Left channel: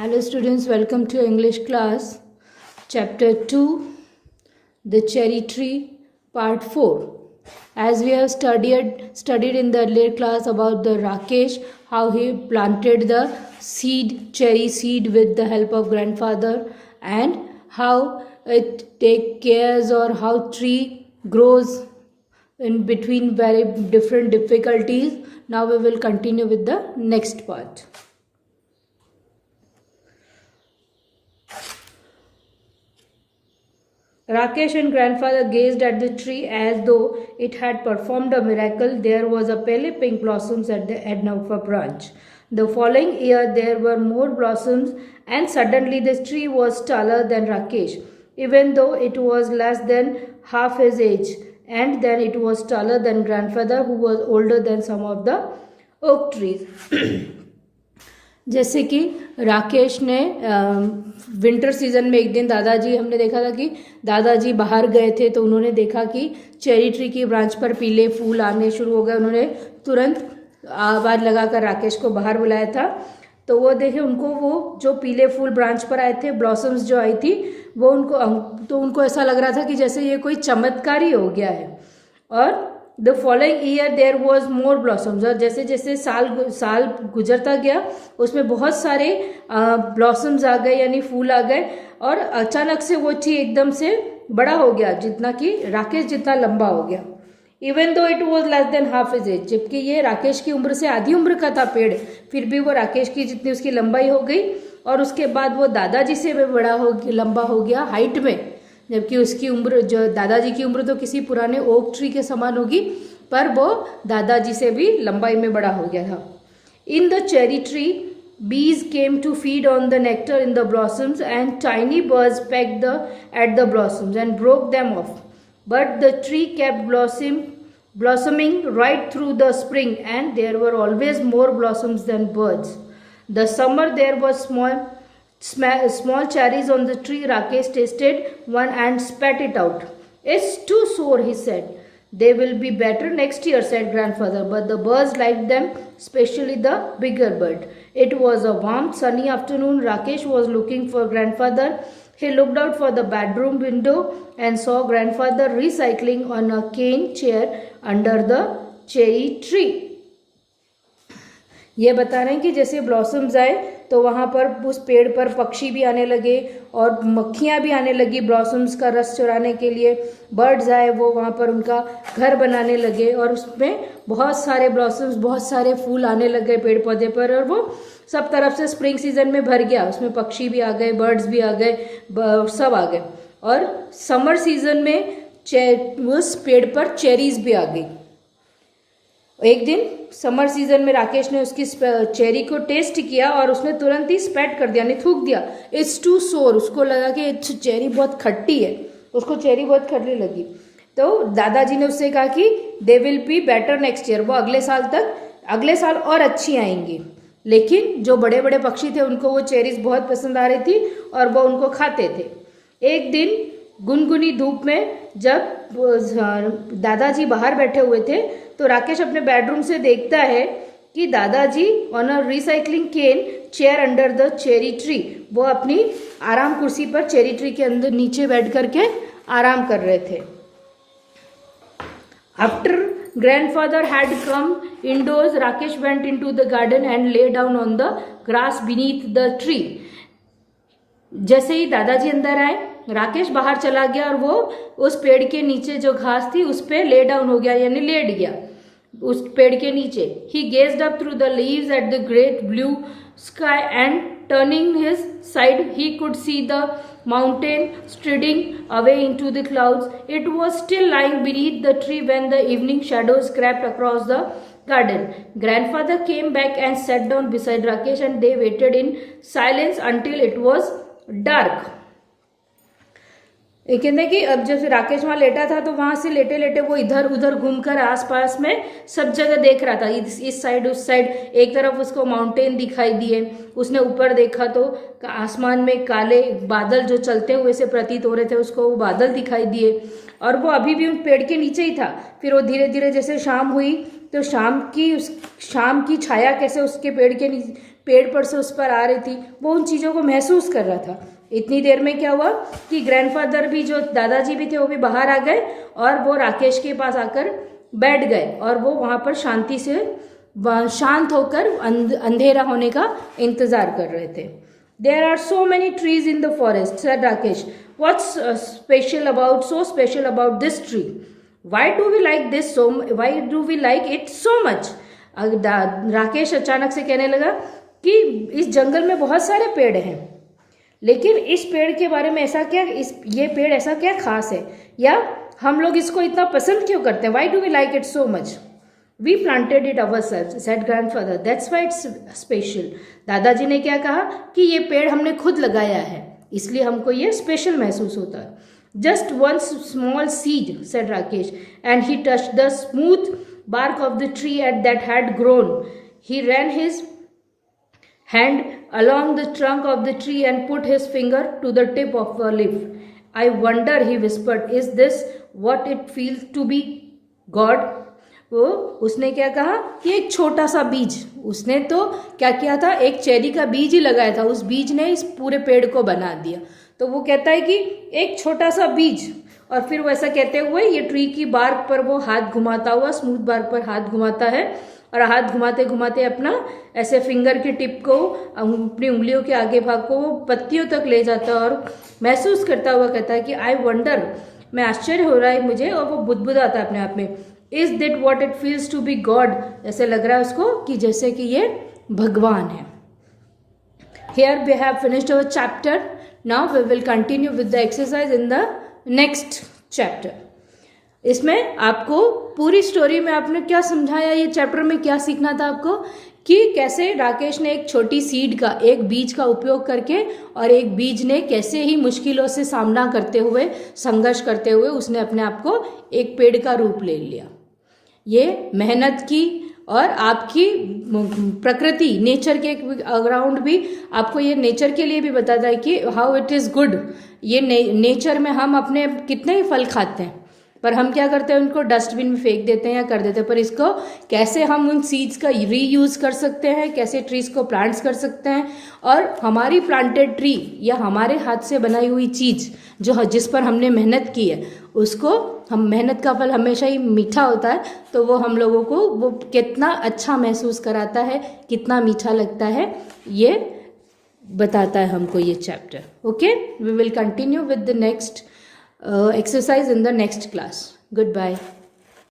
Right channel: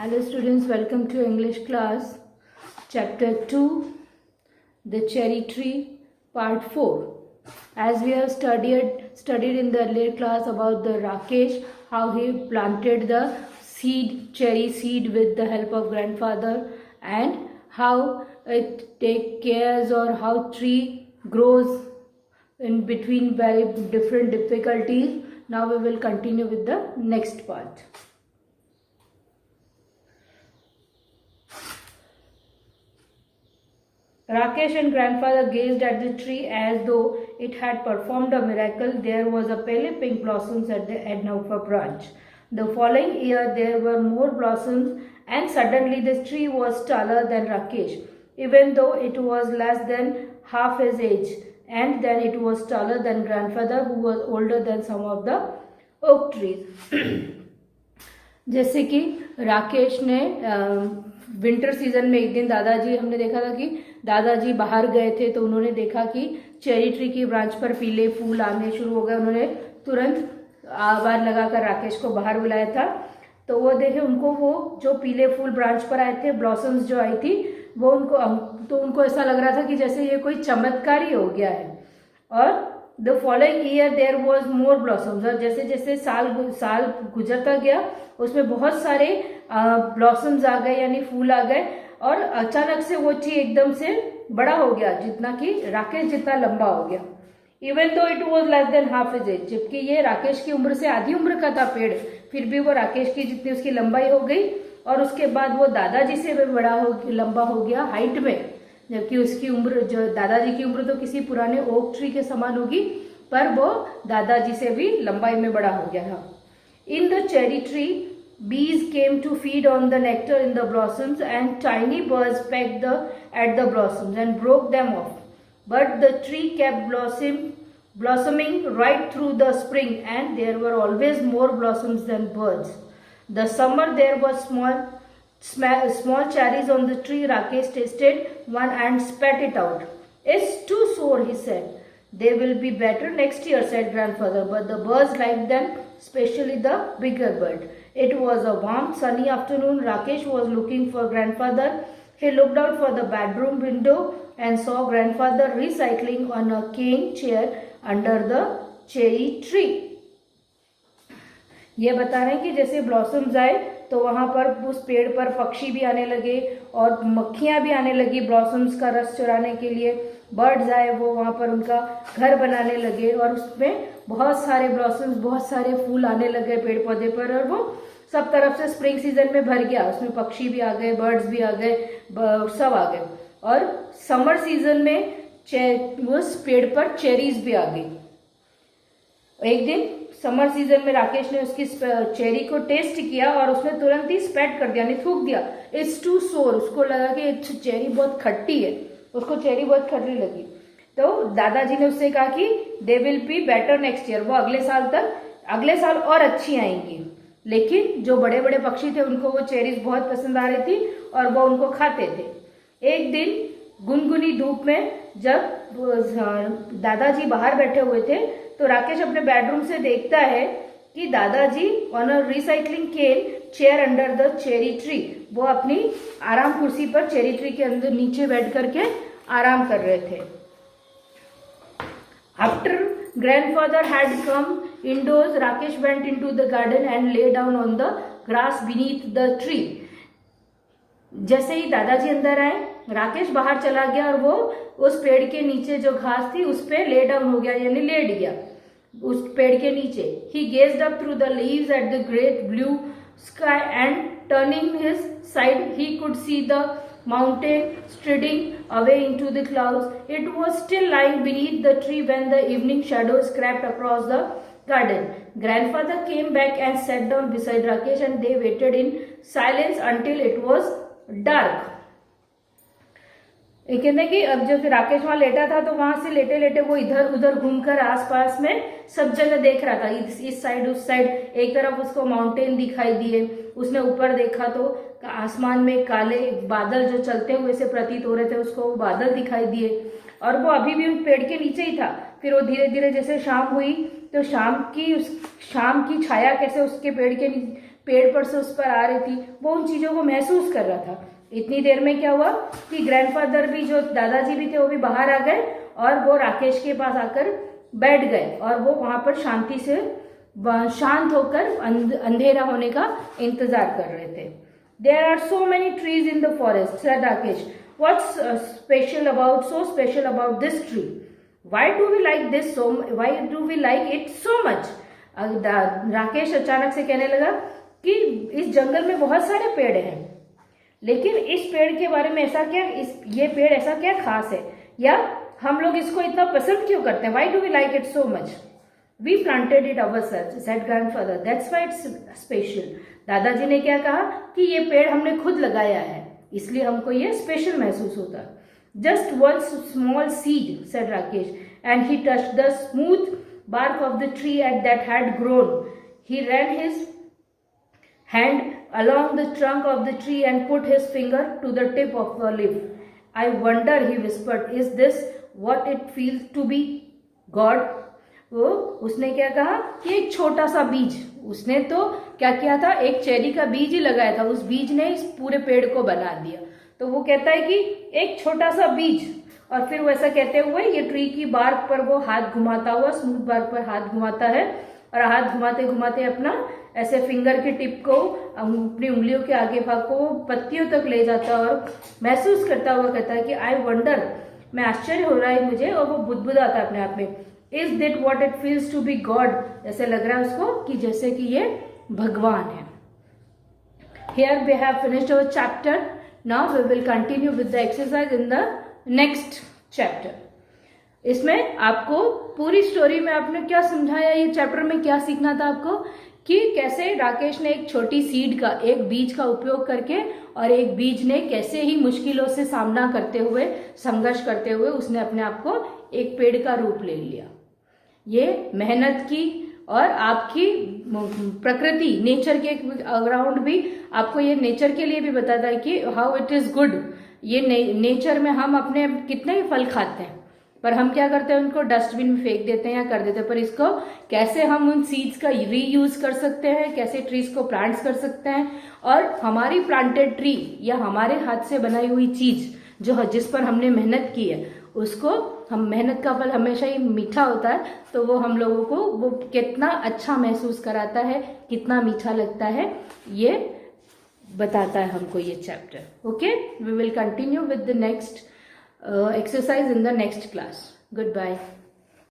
Hello students, welcome to English class. Chapter 2, The Cherry Tree, Part 4. As we have studied in the earlier class about the Rakesh, how he planted the cherry seed with the help of grandfather, and how it take cares or how tree grows in between very different difficulties. Now we will continue with the next part. Rakesh and grandfather gazed at the tree as though it had performed a miracle. There was a pale pink blossoms at the end of a branch. The following year there were more blossoms, and suddenly the tree was taller than Rakesh, even though it was less than half his age, and then it was taller than grandfather, who was older than some of the oak trees. जैसे कि राकेश ने winter season में एक दिन दादाजी, हमने देखा था कि दादाजी बाहर गए थे तो उन्होंने देखा कि चेरी ट्री की ब्रांच पर पीले फूल आने शुरू हो गए। उन्होंने तुरंत आवाज़ लगाकर राकेश को बाहर बुलाया था। तो वो देखे, उनको वो जो पीले फूल ब्रांच पर आए थे, ब्लॉसम्स जो आई थी, वो उनको ऐसा लग रहा था कि जैसे ये कोई चमत्कार ही हो गया है। और the following year there was more blossoms, और जैसे जैसे साल गुजरता गया उसमें बहुत सारे ब्लॉसम्स आ गए, यानी फूल आ गए, और अचानक से वो ट्री एकदम से बड़ा हो गया, जितना कि राकेश जितना लंबा हो गया। Even though it was less than half his age, जबकि ये राकेश की उम्र से आधी उम्र का था पेड़, फिर भी वो राकेश की जितनी उसकी लंबाई हो गई। और उसके बाद वो दादाजी से भी लंबा हो गया हाइट में, जबकि उसकी उम्र, जो दादाजी की उम्र तो किसी पुराने ओक ट्री के समान होगी, पर वो दादाजी से भी लंबाई में बड़ा हो गया था। In the cherry tree bees came to feed on the nectar in the blossoms, and tiny birds pecked at the blossoms and broke them off. But the tree kept blossoming right through the spring, and there were always more blossoms than birds. The summer there was small cherries on the tree. Rakesh tasted one and spat it out. "It's too sour," he said. "They will be better next year," said grandfather, but the birds liked them, especially the bigger bird. It was a warm, sunny afternoon. Rakesh was looking for grandfather. He looked out for the bedroom window and saw grandfather recycling on a cane chair under the cherry tree. ये बता रहे हैं कि जैसे blossoms आए तो वहाँ पर उस पेड़ पर पक्षी भी आने लगे और मक्खियाँ भी आने लगी ब्लॉसम्स का रस चुराने के लिए। बर्ड्स आए, वो वहाँ पर उनका घर बनाने लगे, और उसमें बहुत सारे ब्लॉसम्स, बहुत सारे फूल आने लगे पेड़ पौधे पर, और वो सब तरफ से स्प्रिंग सीजन में भर गया। उसमें पक्षी भी आ गए, बर्ड्स भी आ गए, सब आ गए। और समर सीजन में उस पेड़ पर चेरीज भी आ गई। एक दिन समर सीजन में राकेश ने उसकी चेरी को टेस्ट किया और उसने तुरंत ही स्पैट कर दिया, यानी थूक दिया। इट्स टू सोर, उसको लगा कि चेरी बहुत खट्टी है, उसको चेरी बहुत खट्टी लगी। तो दादाजी ने उससे कहा कि they will be better next year, वो अगले साल और अच्छी आएंगी। लेकिन जो बड़े बड़े पक्षी थे उनको वो चेरीज बहुत पसंद आ रही थी और वो उनको खाते थे। एक दिन गुनगुनी धूप में जब दादाजी बाहर बैठे हुए थे तो राकेश अपने बेडरूम से देखता है कि दादाजी on a reclining cane chair under the cherry tree, वो अपनी आराम कुर्सी पर चेरी ट्री के अंदर नीचे बैठ करके आराम कर रहे थे। After grandfather had come indoors, Rakesh went into the garden and lay down on the grass beneath the tree. जैसे ही दादाजी अंदर आए, राकेश बाहर चला गया और वो उस पेड़ के नीचे जो घास थी उस पे ले डाउन हो गया, यानी लेट गया उस पेड़ के नीचे। He gazed up through the leaves at the great blue sky, and turning his side he could see the mountain striding away into the clouds. It was still lying beneath the tree when the evening shadows crept across the garden. Grandfather came back and sat down beside Rakesh, and they waited in silence until it was dark. ये कहते हैं कि अब जब राकेश वहां लेटा था तो वहां से लेटे लेटे वो इधर उधर घूमकर आसपास में सब जगह देख रहा था, इस साइड उस साइड। एक तरफ उसको माउंटेन दिखाई दिए, उसने ऊपर देखा तो आसमान में काले बादल जो चलते हुए से प्रतीत हो रहे थे, उसको वो बादल दिखाई दिए, और वो अभी भी उन पेड़ के नीचे ही था। फिर वो धीरे धीरे जैसे शाम हुई तो शाम की छाया कैसे उसके पेड़ पर से उस पर आ रही थी, वो उन चीज़ों को महसूस कर रहा था। इतनी देर में क्या हुआ कि ग्रैंडफादर भी, जो दादाजी भी थे, वो भी बाहर आ गए और वो राकेश के पास आकर बैठ गए और वो वहाँ पर शांति से शांत होकर अंधेरा होने का इंतजार कर रहे थे। There are so many trees in the forest, said Rakesh. What's so special about this tree? Why do we like it so much? Rakesh अचानक से कहने लगा कि इस जंगल में बहुत सारे पेड़ हैं, लेकिन इस पेड़ के बारे में ये पेड़ ऐसा क्या खास है, या हम लोग इसको इतना पसंद क्यों करते हैं? Why do we like it so much? We planted it ourselves, said grandfather. That's why it's special. दादाजी ने क्या कहा कि ये पेड़ हमने खुद लगाया है, इसलिए हमको ये स्पेशल महसूस होता है. Just one small seed, said Rakesh, and he touched the smooth bark of the tree that had grown. He ran his hand along the trunk of the tree and put his finger to the tip of a leaf. I wonder, he whispered, is this what it feels to be God? वो उसने क्या कहा कि एक छोटा सा बीज, उसने तो क्या किया था, एक चेरी का बीज ही लगाया था, उस बीज ने इस पूरे पेड़ को बना दिया. तो वो कहता है कि एक छोटा सा बीज, और फिर वो ऐसा कहते हुए ये ट्री की बार्क पर वो हाथ घुमाता हुआ, स्मूथ बार्क पर हाथ घुमाता है, और हाथ घुमाते घुमाते अपना ऐसे फिंगर की टिप को, अपनी उंगलियों के आगे भाग को पत्तियों तक ले जाता है और महसूस करता हुआ कहता है कि आई वंडर, मैं आश्चर्य हो रहा है मुझे, और वो बुदबुदाता है अपने आप में. Is that what it feels to be god? ऐसे लग रहा है उसको कि जैसे कि ये भगवान है. Here we have finished our chapter. Now we will continue with the exercise in the next chapter. इसमें आपको पूरी स्टोरी में आपने क्या समझाया, ये चैप्टर में क्या सीखना था आपको, कि कैसे राकेश ने एक छोटी सीड का, एक बीज का उपयोग करके, और एक बीज ने कैसे ही मुश्किलों से सामना करते हुए, संघर्ष करते हुए उसने अपने आप को एक पेड़ का रूप ले लिया. ये मेहनत की और आपकी प्रकृति, नेचर के अराउंड भी आपको ये नेचर के लिए भी बताता है कि हाउ इट इज गुड. ये नेचर में हम अपने कितने ही फल खाते हैं, पर हम क्या करते हैं, उनको डस्टबिन में फेंक देते हैं या कर देते हैं. पर इसको कैसे हम उन सीड्स का रीयूज कर सकते हैं, कैसे ट्रीज को प्लांट्स कर सकते हैं, और हमारी प्लांटेड ट्री या हमारे हाथ से बनाई हुई चीज जिस पर हमने मेहनत की है, उसको हम, मेहनत का फल हमेशा ही मीठा होता है, तो वो हम लोगों को वो कितना अच्छा महसूस कराता है, कितना मीठा लगता है, ये बताता है हमको ये chapter. Okay, we will continue with the next exercise in the next class. Goodbye.